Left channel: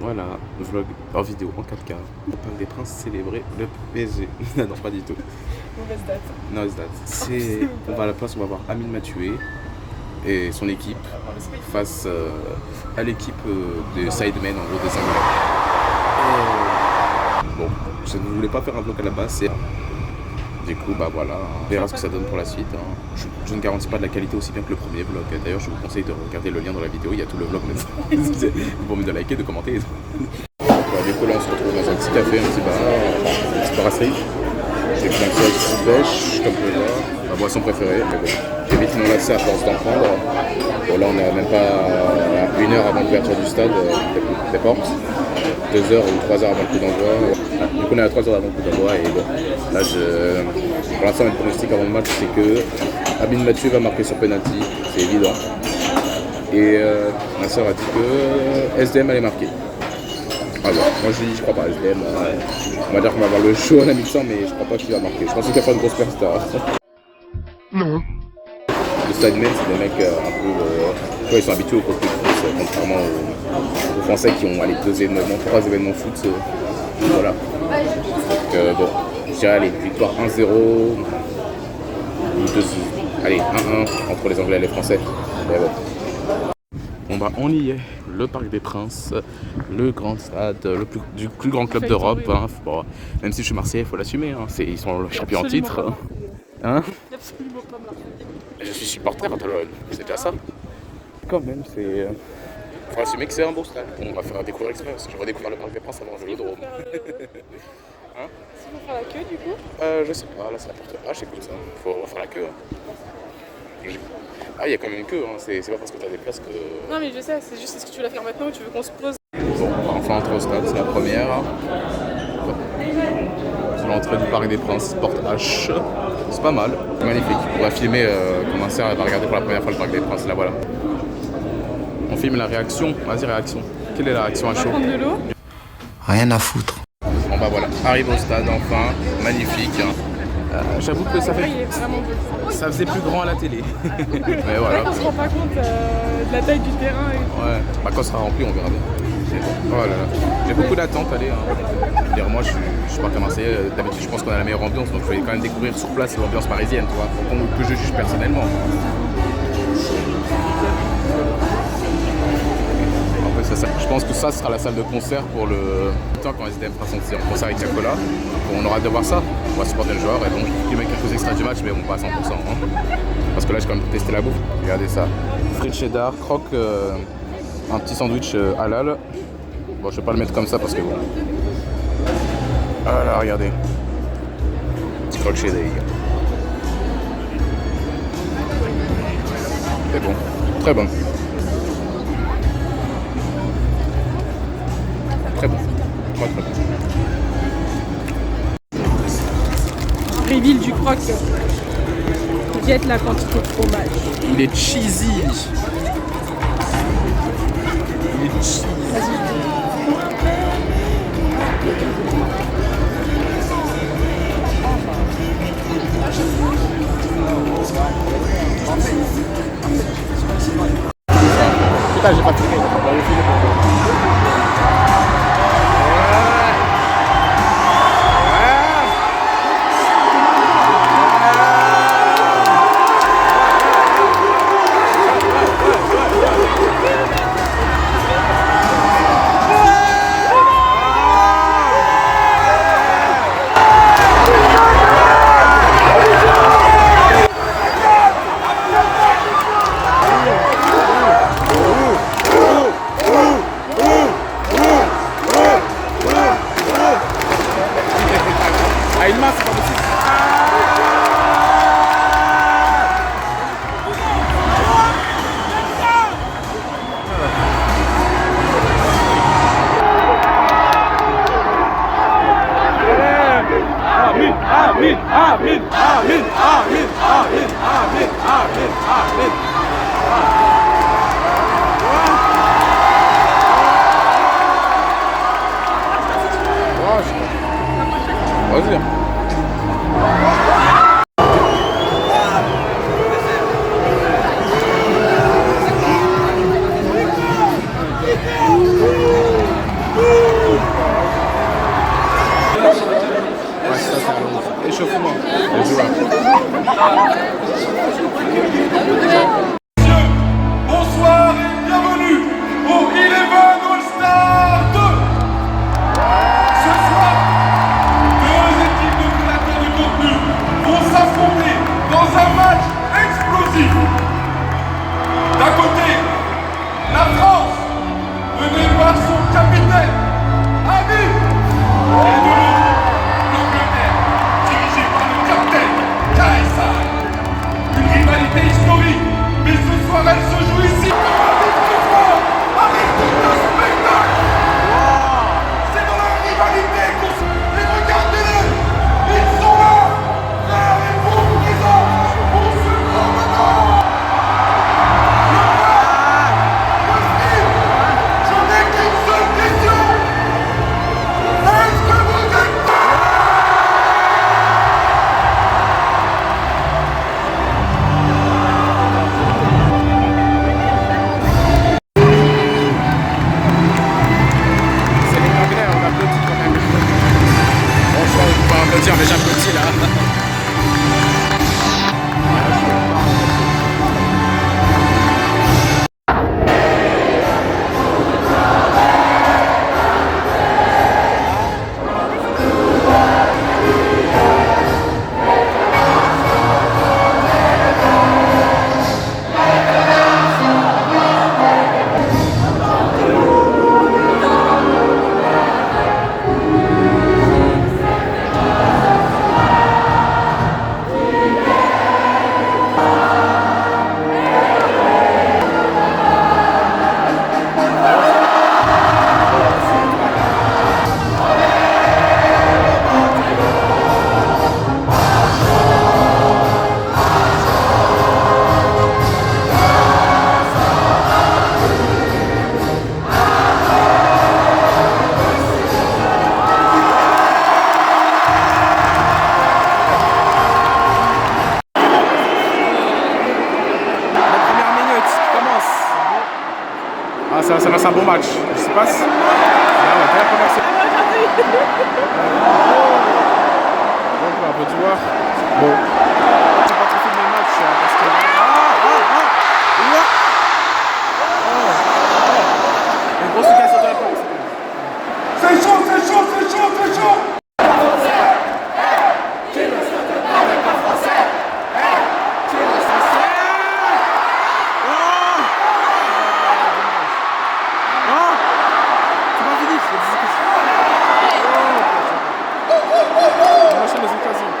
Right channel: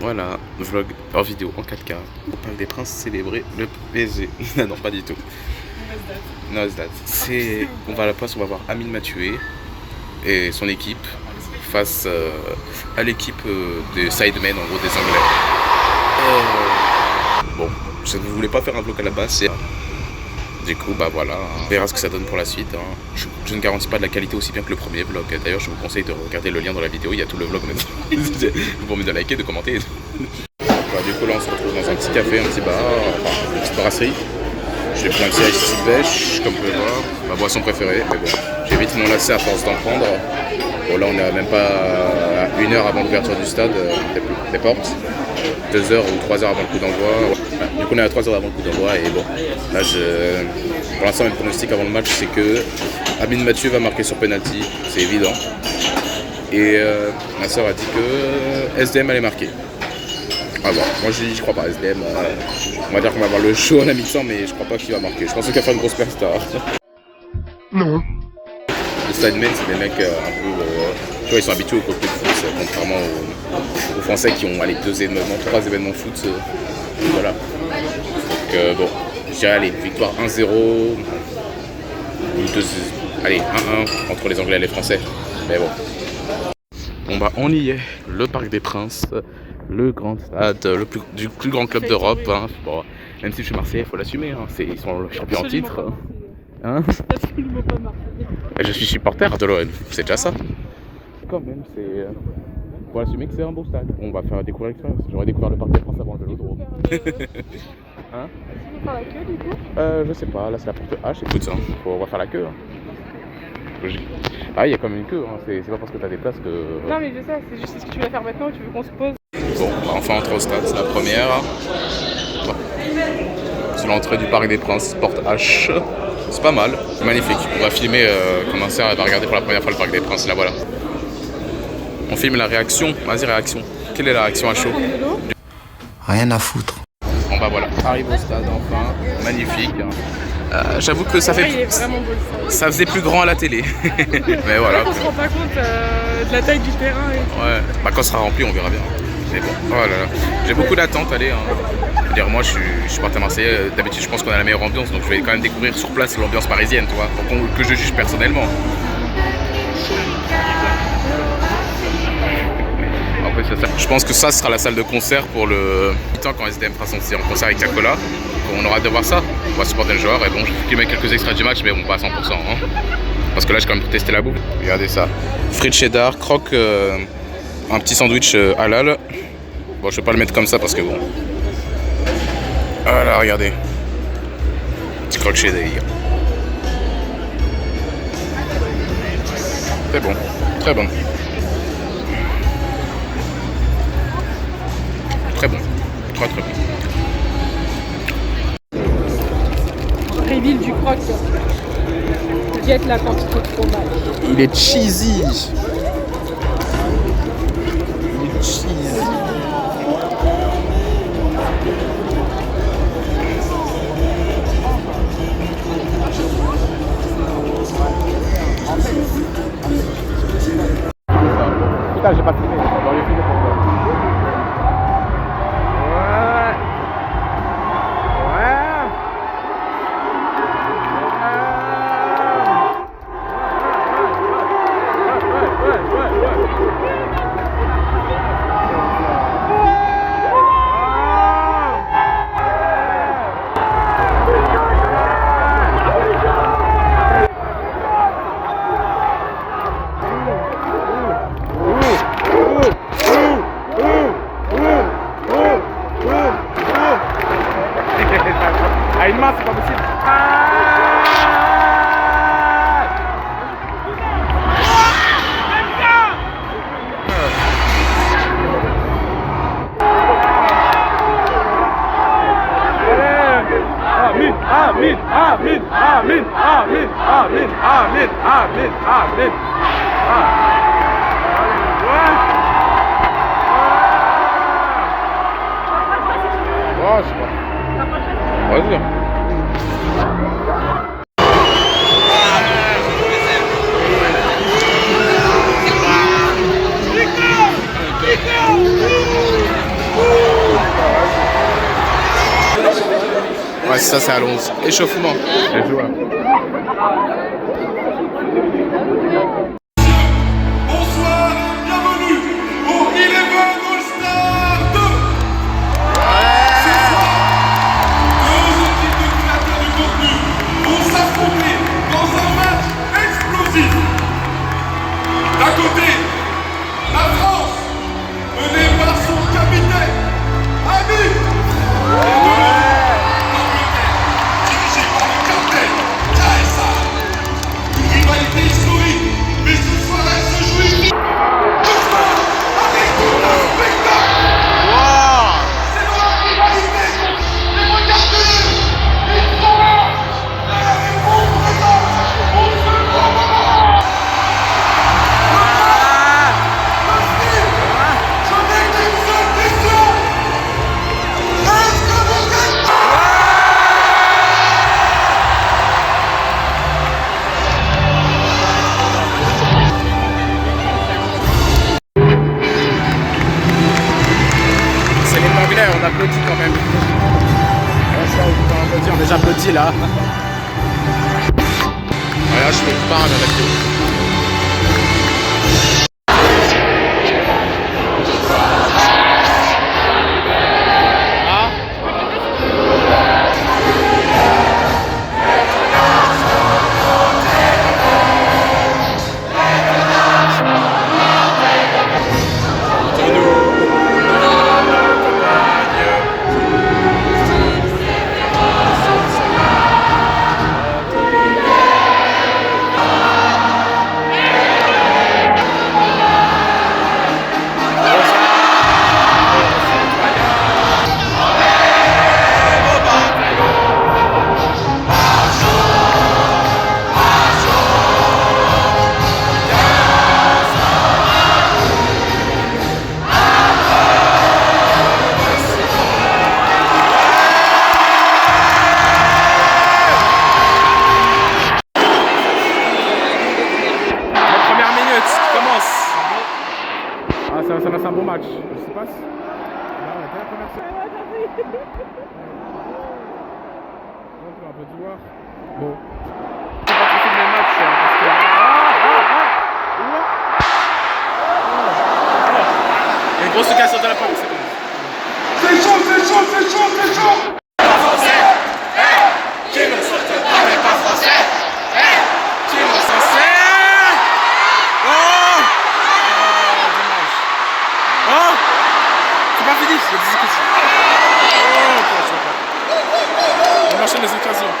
Voilà, vlog en vidéo en 4K. Au Parc des Princes célébrer le PSG. Non, pas du tout. Mauvaise date. C'est, on va à la place, on va voir Amine Mathieu et son équipe face à l'équipe des Sidemen, en gros des Anglais. Bon, je ne voulais pas faire un vlog à la base. Du coup, bah voilà, on verra ce que ça donne pour la suite. Hein. Je ne garantis pas de la qualité aussi bien que le premier vlog. D'ailleurs, je vous conseille de regarder le lien dans la vidéo, il y a tout le vlog maintenant. Vous pouvez de liker, de commenter. Bah, du coup, là, on se retrouve dans un petit café, un petit bar, une petite brasserie. J'ai pris un petit ice pêche, comme vous pouvez voir, ma boisson préférée. Mais bon, j'ai vite mon lacet à force d'en prendre. Bon, là, on est même pas à 1 heure avant l'ouverture du stade, des portes. 2 heures ou 3 heures avant le coup d'envoi. Du coup, on est à 3 heures avant le coup d'envoi et bon, là, pour l'instant, mon pronostic avant le match, c'est que Amine Mathieu va marquer sur penalty, c'est évident. Et ma soeur a dit que SDM allait marquer. Ah bon, moi je crois pas, SDM, on va dire qu'on va avoir le show à la mi-temps, mais je crois pas qu'il va marquer. Je pense qu'il va faire une grosse superstar. Non. Les Sidemen, c'est des mecs un peu. Tu vois, ils sont habitués au contenu de foot, contrairement aux Français qui ont allez, 2 événements, 3 événements foot. Voilà. Donc bon, je dirais allez, victoire 1-0 ou 2, allez, 1-1 entre les Anglais et les Français. Mais bon. Bon bah on y est, le Parc des Princes, le grand stade, du plus grand club d'Europe. Hein. Bon, même si je suis Marseillais, il faut l'assumer, hein. Ils sont champions en titre. Hein. Je suis supporter de l'OM, c'est déjà ça. Quand même, c'est... faut assumer que c'est un beau stade. On va faire découvrir l'expérience. J'aurais découvert le Parc des Princes avant le Vélodrome. Hein? Est-ce qu'il faut faire la queue du coup? Je sais pas, là c'est la porte H, écoute, hein. On va faire la queue. Hein. Ah, il y a quand même une queue, hein. C'est pas parce que t'as des places que... Non mais je sais, c'est juste est-ce que tu veux la faire maintenant ou tu veux qu'on se pose? Bon, bah, enfin entre au stade, c'est la première. Bon. C'est l'entrée du Parc des Princes, porte H. C'est pas mal, c'est magnifique. On va filmer comme un cerf, elle va regarder pour la première fois le Parc des Princes, là voilà. On filme la réaction, vas-y réaction. Quelle est la réaction à chaud? Rien à foutre. Bon bah voilà, arrive au stade enfin, magnifique. J'avoue que ça faisait plus grand à la télé. Mais voilà. On se rend pas compte de la taille du terrain. Ouais, bah quand ce sera rempli on verra bien. Mais bon, oh là là. J'ai beaucoup d'attentes, allez. Hein. Je veux dire, moi je suis parti à Marseille, d'habitude je pense qu'on a la meilleure ambiance, donc je vais quand même découvrir sur place l'ambiance parisienne, tu vois, que je juge personnellement. Je pense que ça sera la salle de concert pour le temps quand SDM fera son concert avec Cacola. On aura hâte de voir ça. On va supporter le joueur et bon, je vais filmer quelques extraits du match, mais bon, pas à 100%. Hein. Parce que là, j'ai quand même pour tester la bouffe. Regardez ça. Frites cheddar, croque, un petit sandwich halal. Bon, je vais pas le mettre comme ça parce que bon. Voilà, regardez. Petit croque cheddar. C'est bon, très bon. Très bon, très bon. Reveal du croque. Diète la quantité de fromage. Il est cheesy. Il est cheesy. Putain, j'ai pas filmé. On va le filmer pour toi. À une main, c'est pas possible. Amin, amin, amin, amin, amin, amin, amin, amin, amin. Ouais, c'est pas. Vas-y. ça c'est à 11. Échauffement. Let's do rap. Bonsoir et bienvenue au Eleven All-Star 2. Ce soir, deux équipes de créateurs du contenu vont s'affronter dans un match explosif. D'un côté, la France, menée par son capitaine, Ami. Et de l'autre, l'Angleterre, dirigée par le capitaine, Kaesa. Une rivalité historique, mais ce soir elle se joue ici. Avec tout le spectacle. C'est dans la rivalité. Mais regardez-le, ils sont là. Là, ils vous présentent pour ce grand moment. Je n'ai qu'une seule question. Est-ce que vous êtes prêts? C'est les Anglais, on applaudit quand même. Franchement, on peut pas applaudir, mais j'applaudis là. Voilà, je fais le pain avec eux. Ah, ça va, c'est un bon match. Je sais pas si... Ah ouais, la première série. Donc, on peut voir. Bon. C'est pas trop fait le match, parce que... Il y a une grosse cassure de la première série. C'est chaud, c'est chaud, c'est chaud, c'est chaud. On enchaîne les occasions.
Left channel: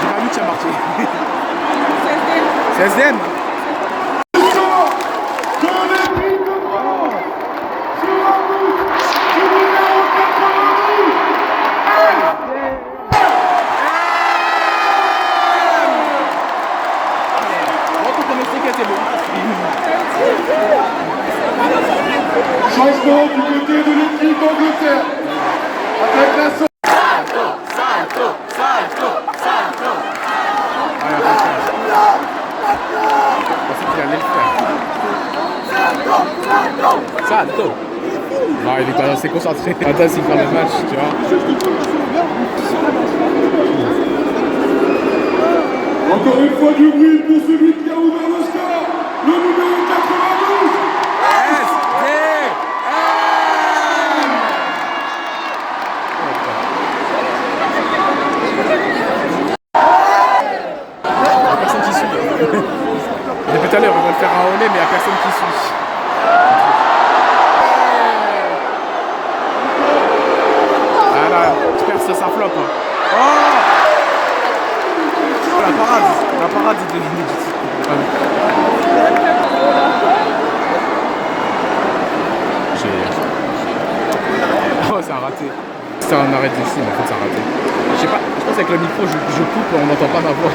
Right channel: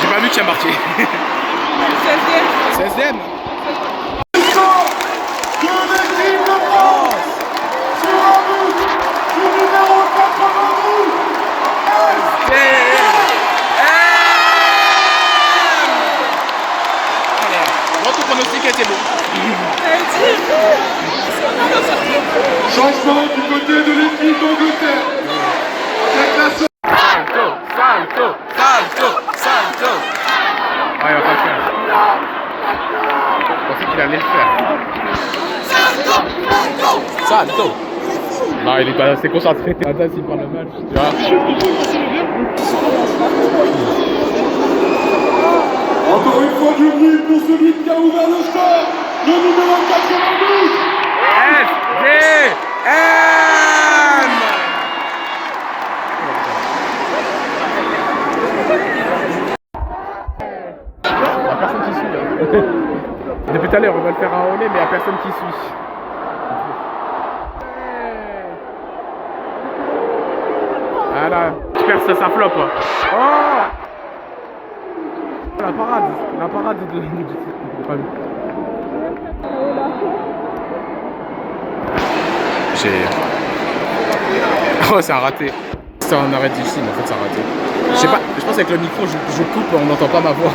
J'ai pas vu qui a marqué. 16e. Votre pronostic était bon. Changement du côté de l'équipe d'Angleterre. Avec la Salto. Ah, il va pas le faire. Je pensais qu'il allait le faire. Salto. Non, il est pas assez concentré. Attends, s'il fait le match, tu vois. Encore une fois du bruit pour celui qui a ouvert le score, le numéro 92. SDM. Il n'y a personne qui suit. Depuis tout à l'heure, on va le faire à Olé, mais il n'y a personne qui suit. Ah là, tu perds ça flop. Oh, la parade de... Oh, c'est un raté. C'est un arrêt difficile, mais en fait c'est un raté. Je sais pas, je pense qu'avec le micro, je coupe, on n'entend pas ma voix.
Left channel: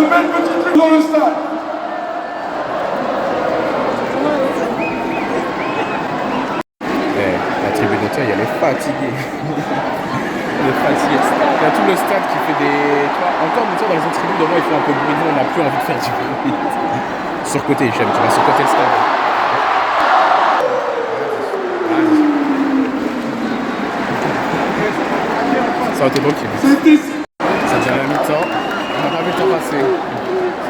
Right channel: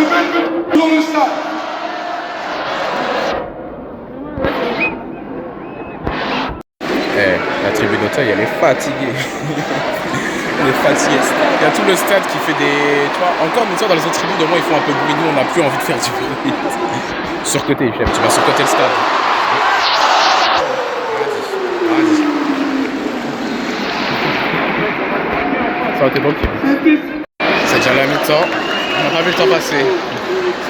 de belles petites dans le stade. La tribune Auteuil, elle est fatiguée. Elle est fatiguée. Il y a tout le stade qui fait des... Tu vois, encore une fois, dans les autres tribunes, au moins, ils font un peu de bruit. Nous, on n'a plus envie de faire du bruit. Surcoté, Hichem. Tu vas surcoter le stade. Ça aurait été bon, Kim. Ça devient la mi-temps. On n'a pas vu le temps passer.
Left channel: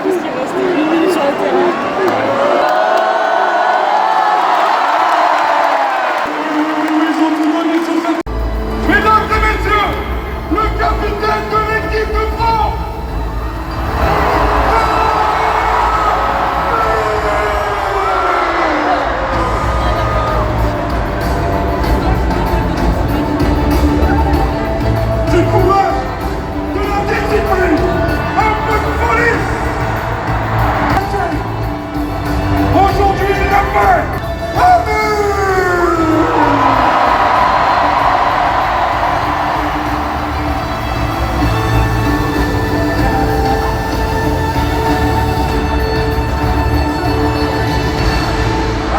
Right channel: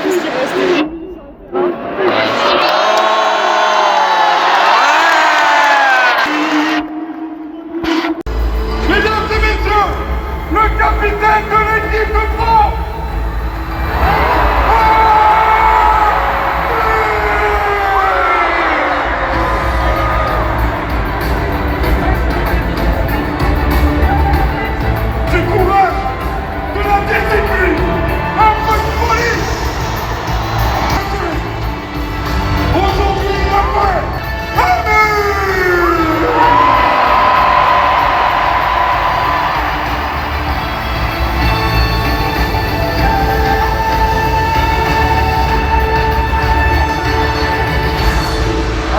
Parce qu'il restait 10 minutes sur le terrain. Mesdames et messieurs, le capitaine de l'équipe de France. Du courage, de la discipline, un peu de folie. Aujourd'hui, il a fait. Amen.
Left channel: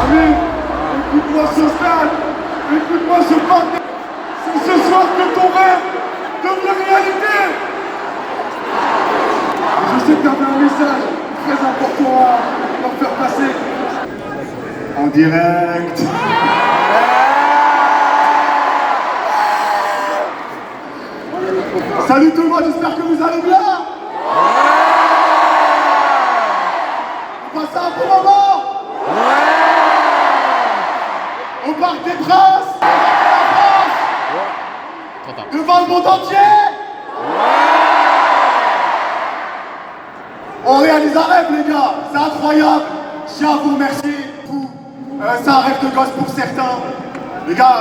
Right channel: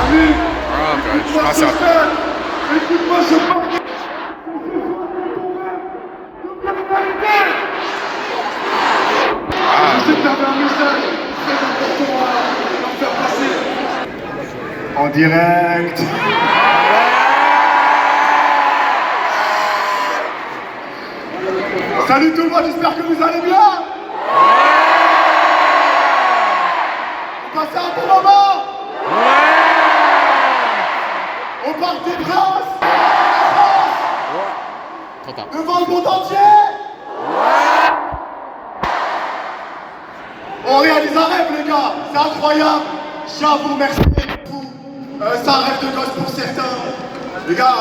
Ami, écoute-moi ce stade, écoute-moi ce parc. C'est ce soir que ton rêve devient réalité. Je sais qu'il y avait un message très important à leur faire passer. En direct. Salut tout le monde, j'espère que vous allez bien. Vous passez un bon moment. On part des Princes, devant le monde entier. On réalise un rêve, les gars, c'est incroyable. Je tiens à vous remercier. C'est un rêve de gosse pour certains. Les gars,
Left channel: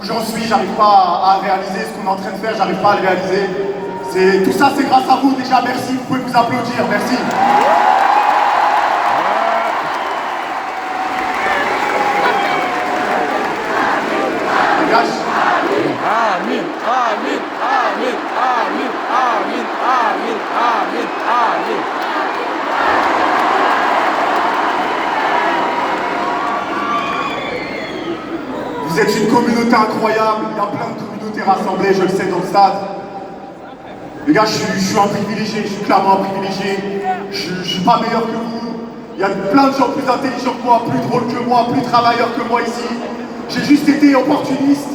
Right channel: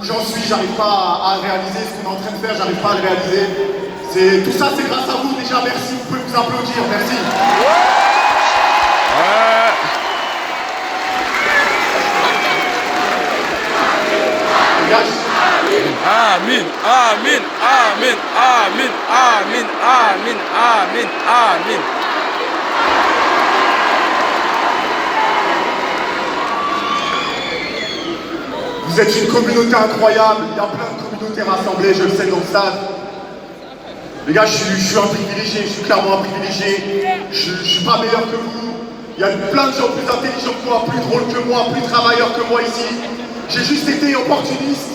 où j'en suis, j'arrive pas à réaliser ce qu'on est en train de faire, j'arrive pas à le réaliser. Tout ça, c'est grâce à vous. Déjà, merci, vous pouvez vous applaudir, merci. Amin, amin, amin, amin, amin, amin, amin, amin. Vous êtes une communauté incroyable, il y a plein de communautés rassemblées, je le sais, dans le stade. Les gars, je suis un privilégié, je suis clairement un privilégié. Je suis pas meilleur que vous. Il y a plein de gens plus intelligents que moi, plus drôles que moi, plus travailleurs que moi ici. J'ai juste été opportuniste.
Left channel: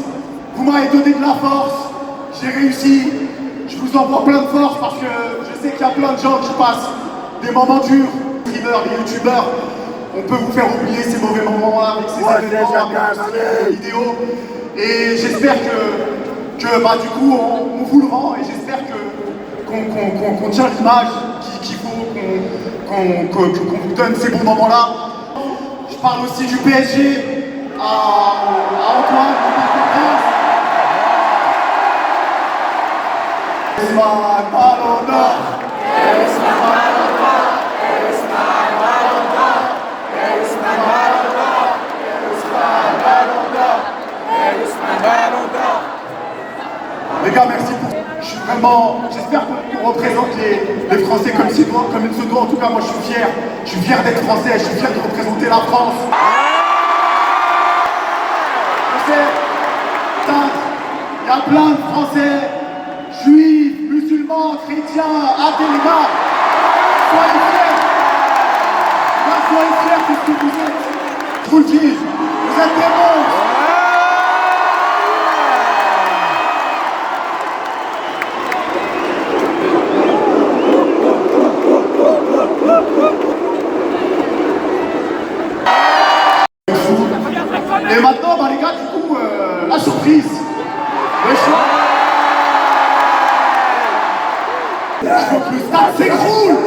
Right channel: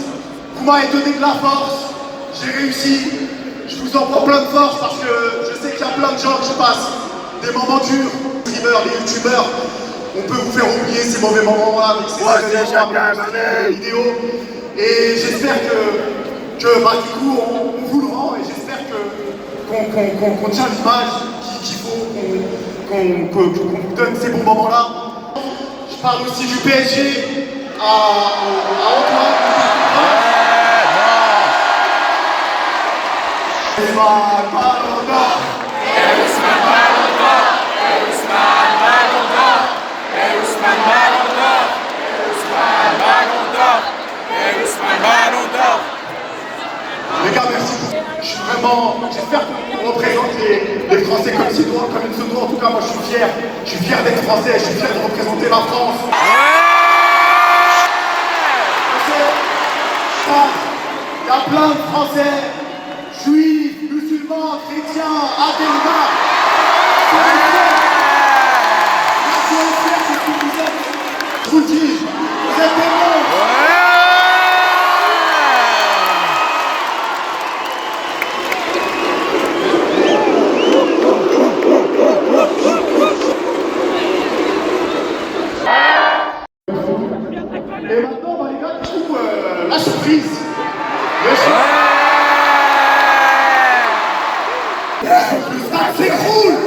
Vous m'avez donné de la force, j'ai réussi. Je vous envoie plein de force parce que je sais qu'il y a plein de gens qui passent des moments durs. Les streamers, les youtubeurs, on peut vous faire oublier ces mauvais moments-là avec ces événements, les vidéos. Et j'espère que bah, du coup, on vous le rend et j'espère qu'on tient l'image qu'il faut, qu'on vous donne ces bons moments-là. Je parle aussi du PSG à Antoine. Ousmane Ballon d'Or. Ousmane Ballon d'Or. Ousmane Ballon d'Or. Ousmane Ballon d'Or. Ousmane Ballon d'Or. Ousmane Ballon d'Or. Les gars, merci beaucoup. Je suis vraiment, j'espère qu'on représente les Français comme il se doit. En tout cas, moi je suis fier. Je suis fier d'être français. Je suis fier de représenter la France. Il y a plein de Français, juifs, musulmans, chrétiens, adhérents. Soyez fiers. Soyez fiers de ce que vous êtes. Je vous le dis, vous êtes des monstres. Et maintenant, bah, les gars, du coup, la surprise. Le choix. Je veux que le stade s'écroule.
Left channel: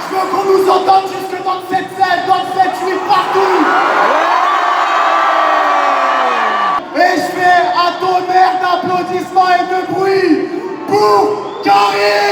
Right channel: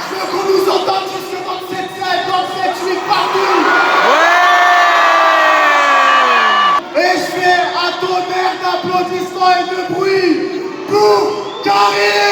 Je veux qu'on nous entende jusque dans le 7-7, dans le 7-8, partout. Et je fais un tonnerre d'applaudissements et de bruit pour Caris.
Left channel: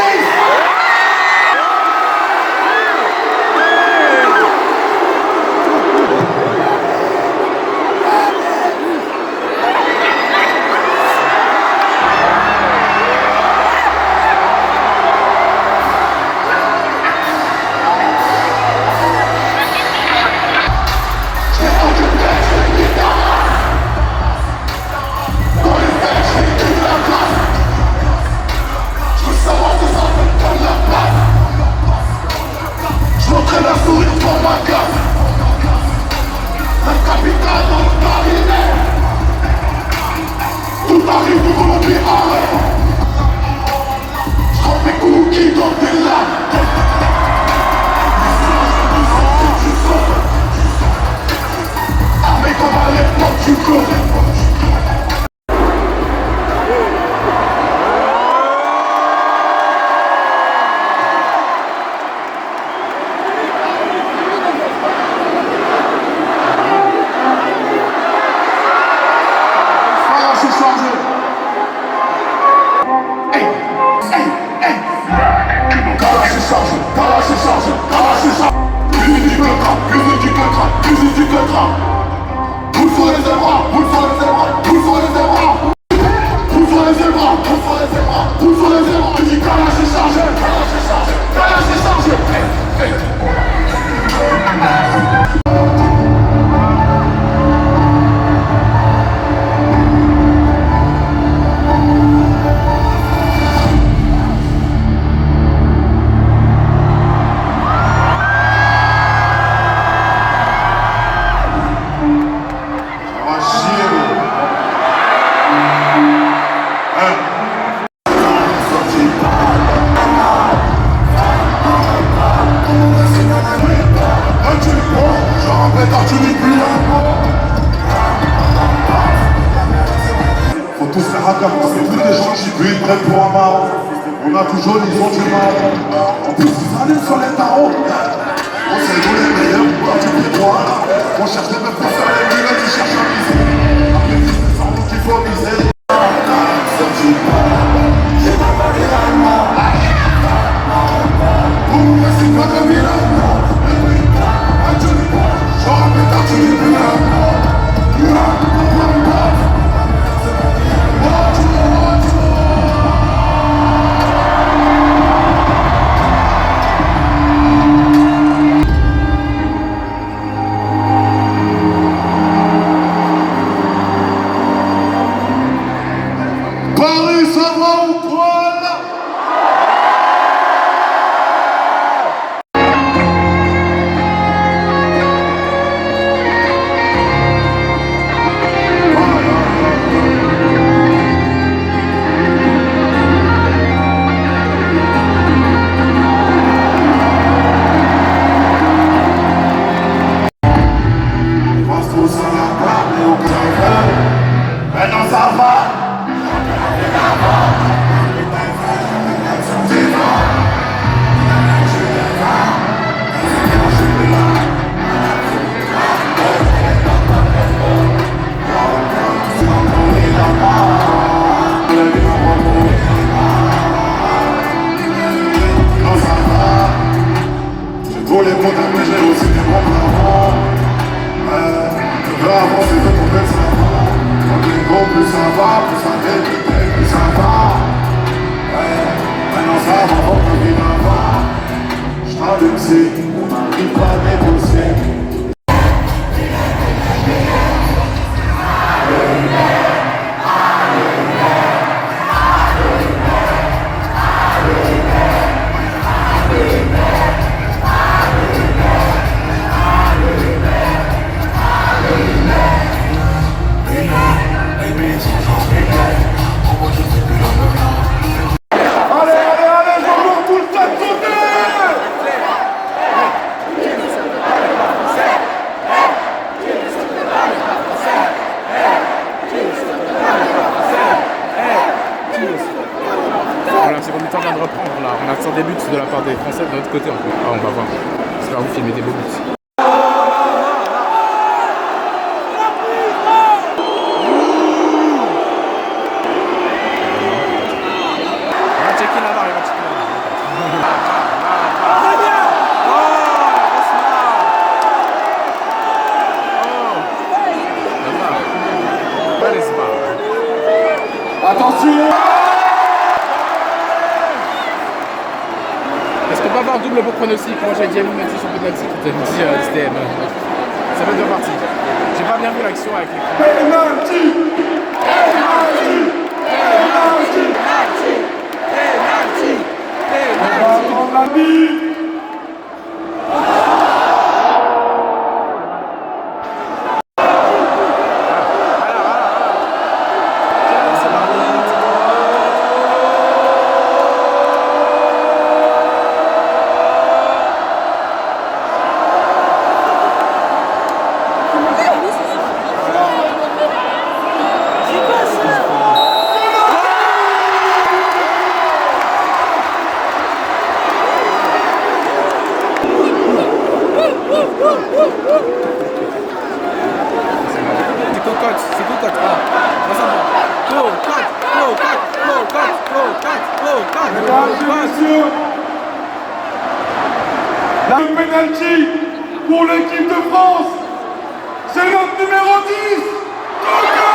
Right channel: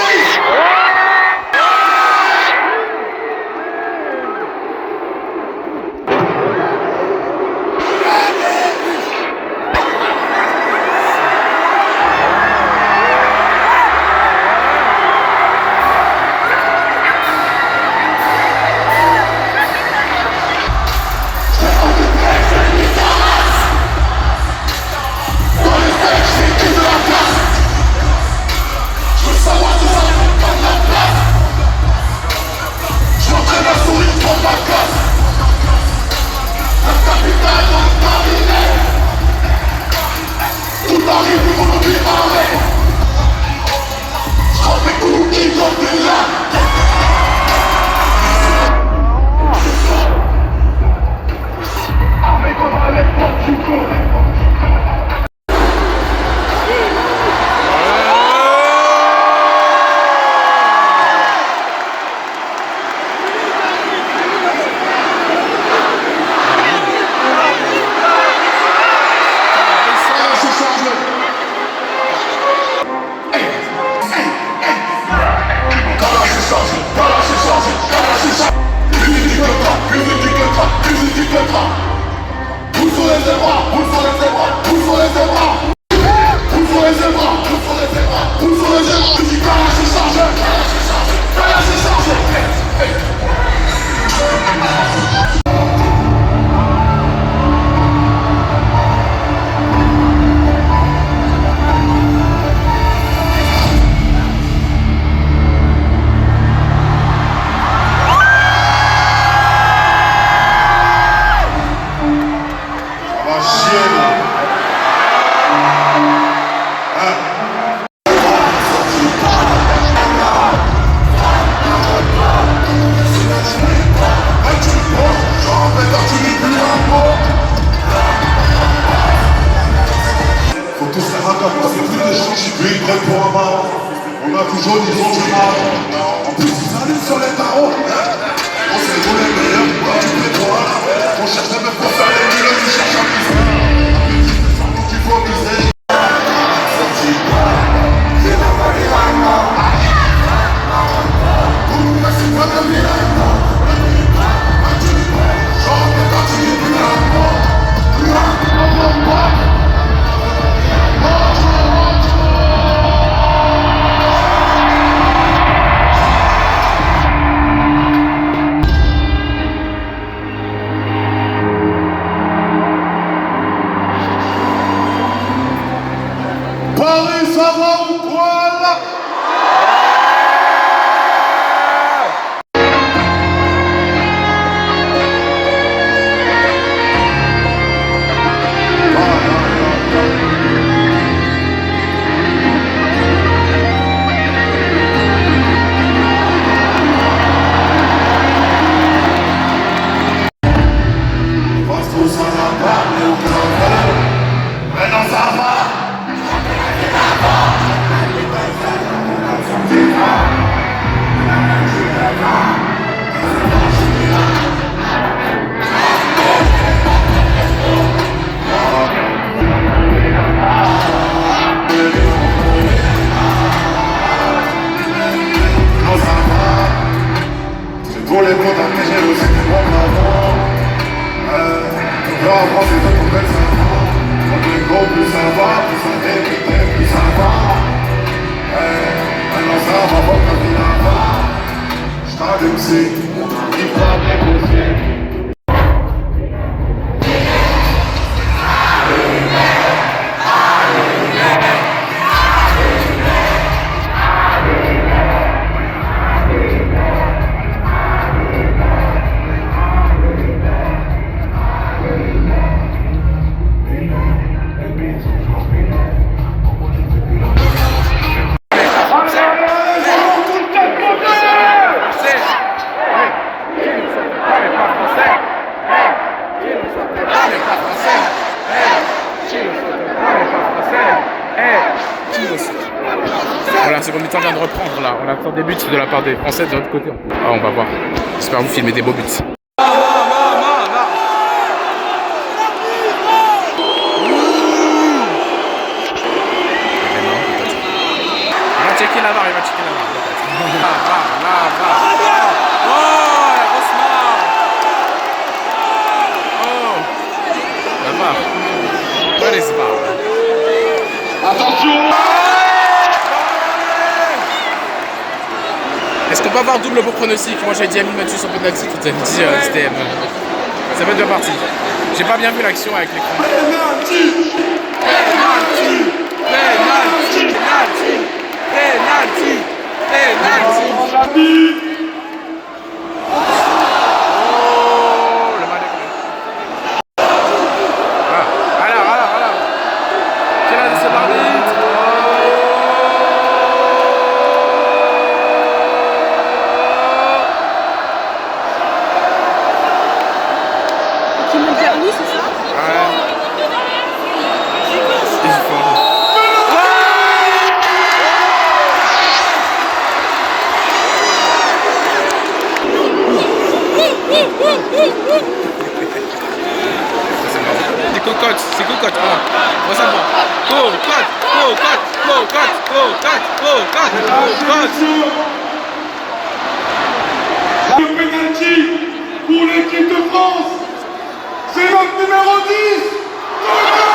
On a toujours des autres du mal. En plus, ils allaient sur les tarots. On sait nous les meilleurs, on du pétrole. On cherche même pour faire les nuls, ils cherchent à miser. Après, c'est sans doute qu'il faut miser. Voilà, seconde mi-temps vient de reprendre là. On attend des buts de la part des Français de l'autre côté. Ah, on va voir. J'espère vous filmer des beaux buts. Il va checker la barre, il va checker la barre. Oh, la grosse marre. Oh, la barre. Where is the bar? Attention! Est-ce qu'on peut avoir double pour pronostic? Moi j'ai dit Amine Mathieu sur penalty, tout est dit STM. Ça va être bien parti. J'ai pas bien vu l'action avec l'écran. Penalty! Penalty! Penalty! Penalty! Penalty! Penalty! Le penalty pour l'équipe de France, c'est notre numéro 10, Coco.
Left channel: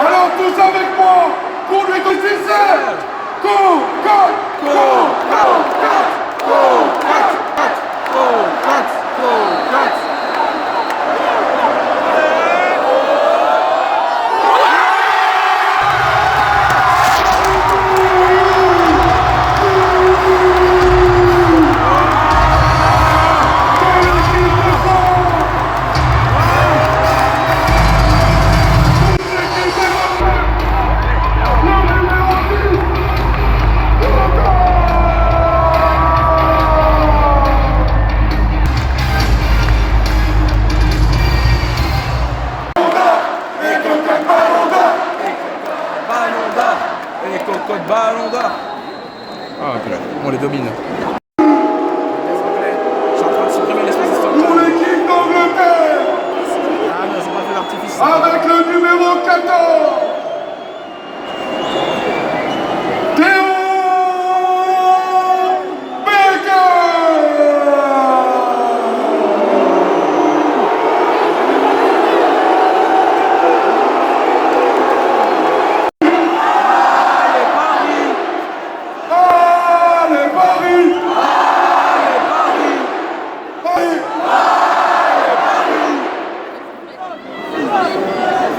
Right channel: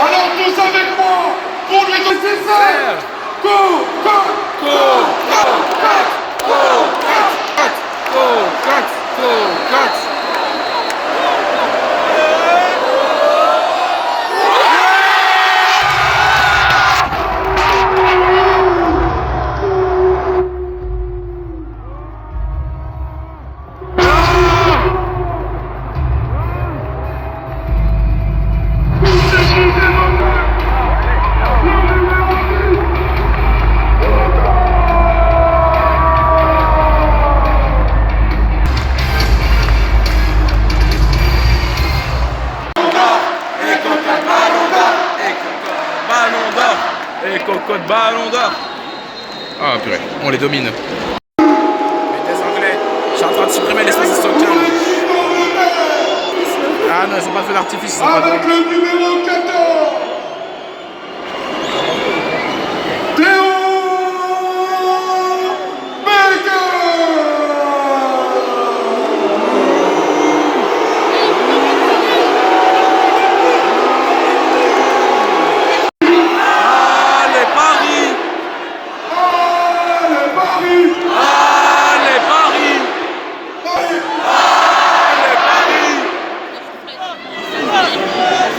Alors tous avec moi, pour lui donner ça. Et cocotte ballon d'or. Ah purée, on les domine. Les Anglais, je suis en train de supprimer l'espace de Stockton. Ah non, c'est pas fait d'artifice. Avec le numéro 14, Théo Baker.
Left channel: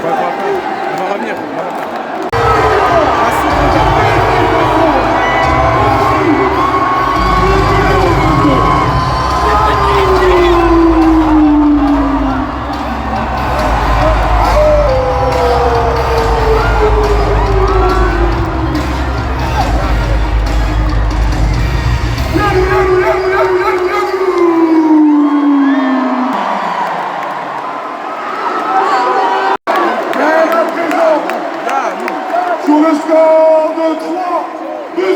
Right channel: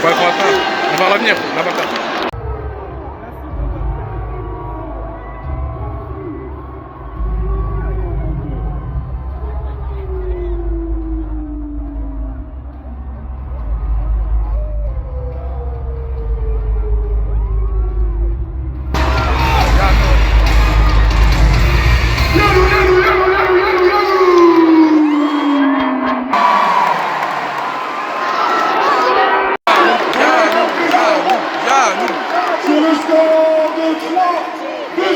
Ouais, on va revenir, on n'a pas peur. Sur le score de 3-2.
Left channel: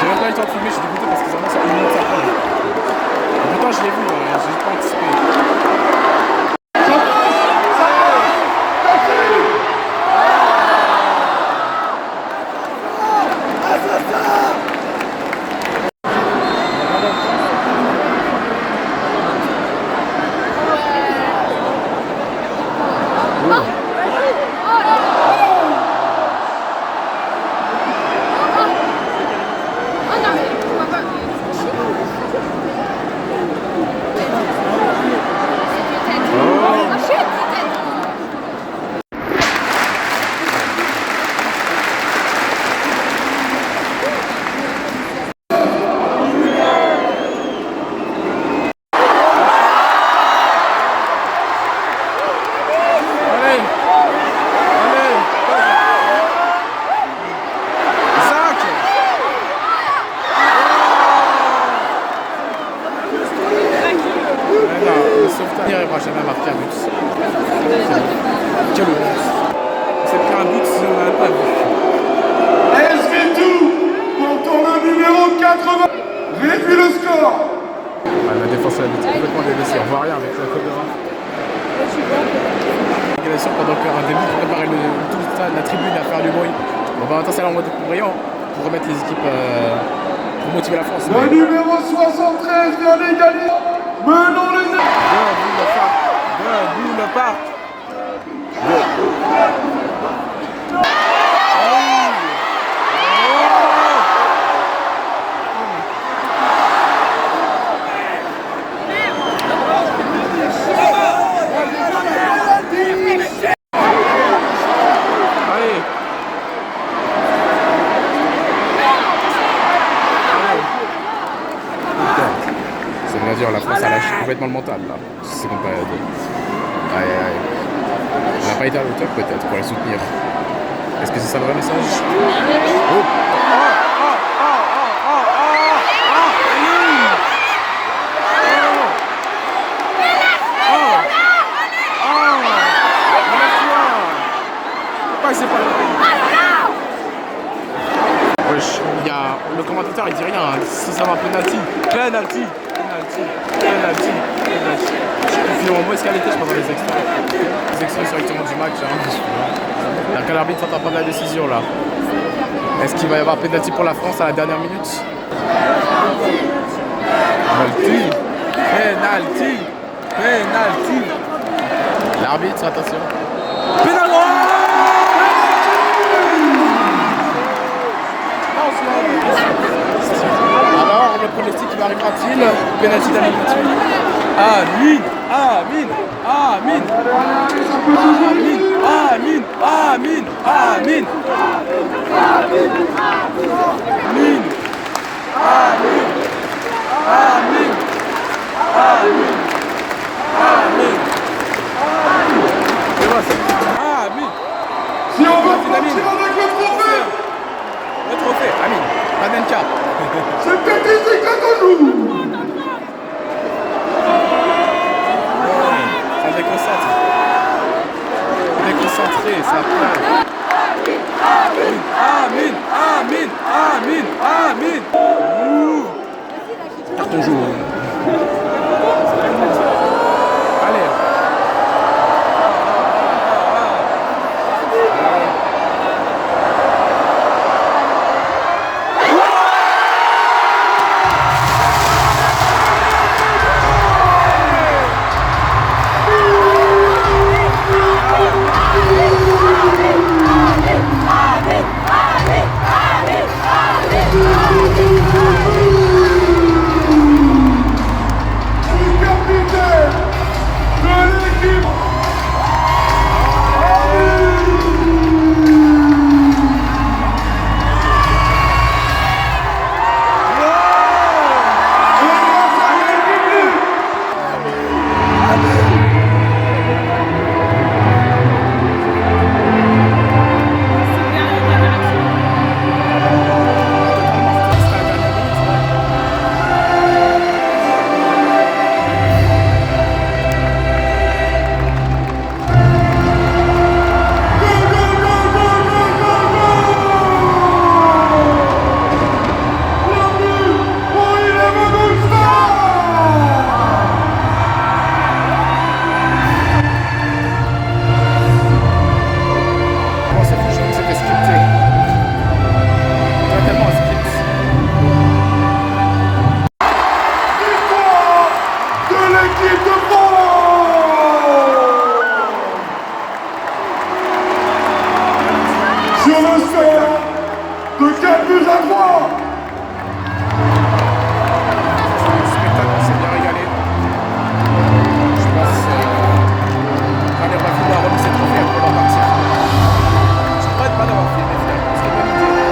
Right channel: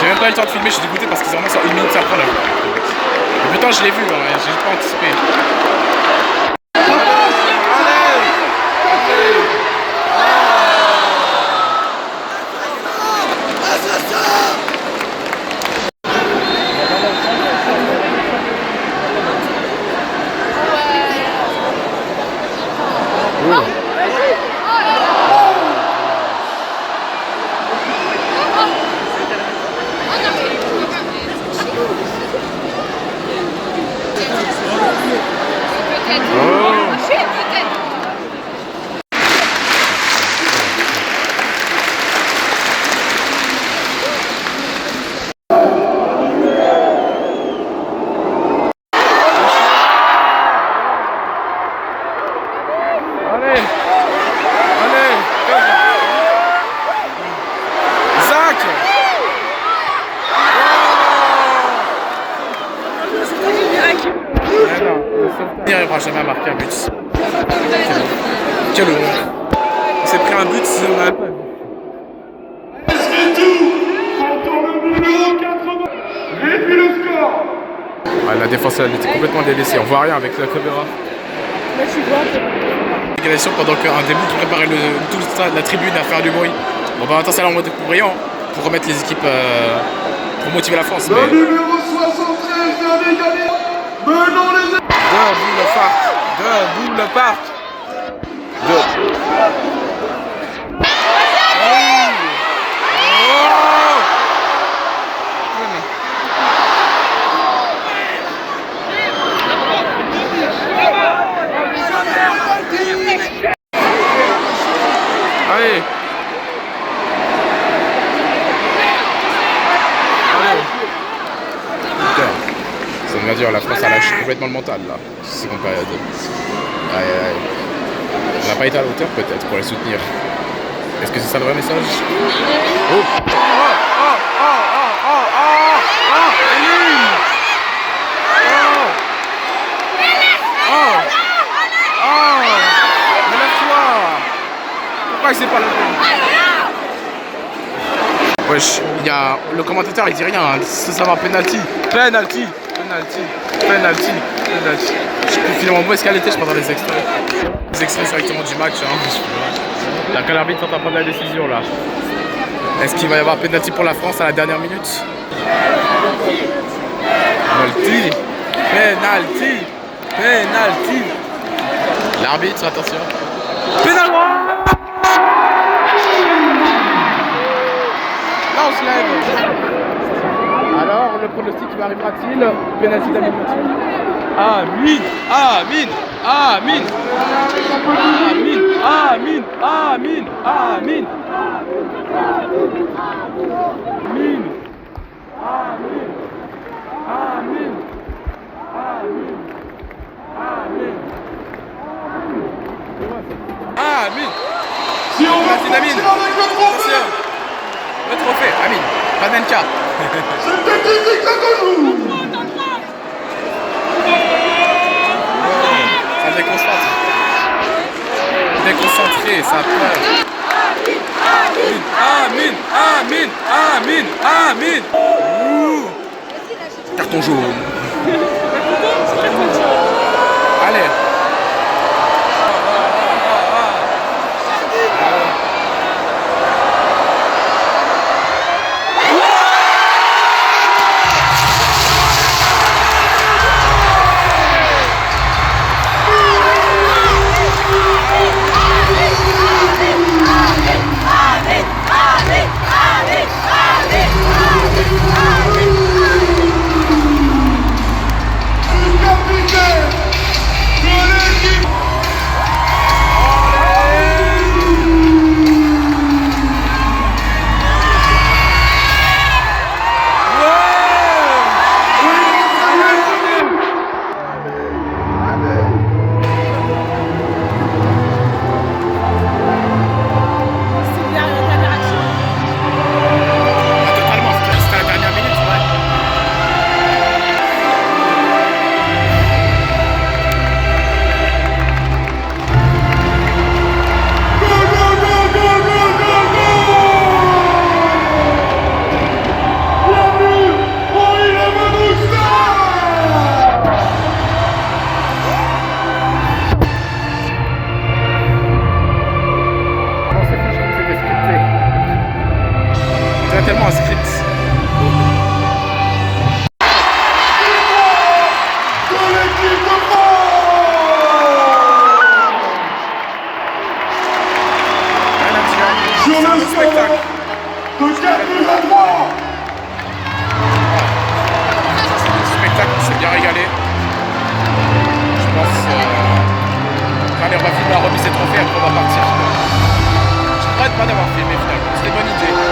J'ai même pas eu le temps de filmer, je suis dégoûté parce qu'ils ont vraiment ça 1 minute après là. Et pourtant je l'ai vu, hein, j'ai pas anticipé. Il n'arrivera jamais à marquer un but. Quelle honte. On s'est pris un but si on n'avait pas vu. SV2 pour le numéro 80. Réduit le score. Ouais, la défense elle était complètement délaissée. On voit rien avec la caméra. Égalisation pendant qu'un début qui préparait tout le stade, la tribune à faire du bruit. Bon bah maintenant c'est là en mode brillant pour remettre les équipes pour motiver la France. Le numéro 73 vient d'égaliser. Menons les équipes. Debout le parc. Debout le parc. Allez. Putain. Ça veut dire la France a lâché complètement le mental là. C'est qu'on période. Aïe aïe. On n'a pas été à la hauteur peut-être pour les soutenir. Est-ce que c'est ça le vrai message? Oh. Mais lève-toi. Pourquoi c'est pas la peine? Wesh, il y a le commentateur il dit rien, hein. Ça va penalty. Excusez-moi, mauvaise qualité, je prends les extraits. Les extraits directement du match. Hein. Là, quand l'arbitre est en train de prendre la décision là. Est-ce qu'il va y avoir pénalty pour la France à la dernière minute? Penalty. Penalty. Penalty. L'arbitre, attention. Pénal. Là, on se lève. Alors, le pronostic arrivera-t-il? Pénalty d'Amin. Amin. Amin. Amin. Amin. Amin. Amin. Amin. Amin. Amin. Amin. Amin. Amin. Amin. Amin. Si on veut Pénalty d'Amin. partir avec le trophée, Le trophée, Amin. Panenka. c'était ici que nous. Ça déconcentre. Déconcentré, ça a peur. Amin. Amin. Amin. Amin. Ouh. Carton jaune. Allez. Capitaine de l'équipe. Totalement, c'était à la dernière minute, ouais. Bon, c'est franchement que c'était scripté. C'est tellement un script. De l'équipe de France. Sur le spectacle. score de 4 buts à 3. Spectacle, on s'est bien régalé. Je pense. Allez, on va filmer la remise des trophées, après on va partir. Je regrette pas d'avoir filmé finalement. C'était une bonne idée.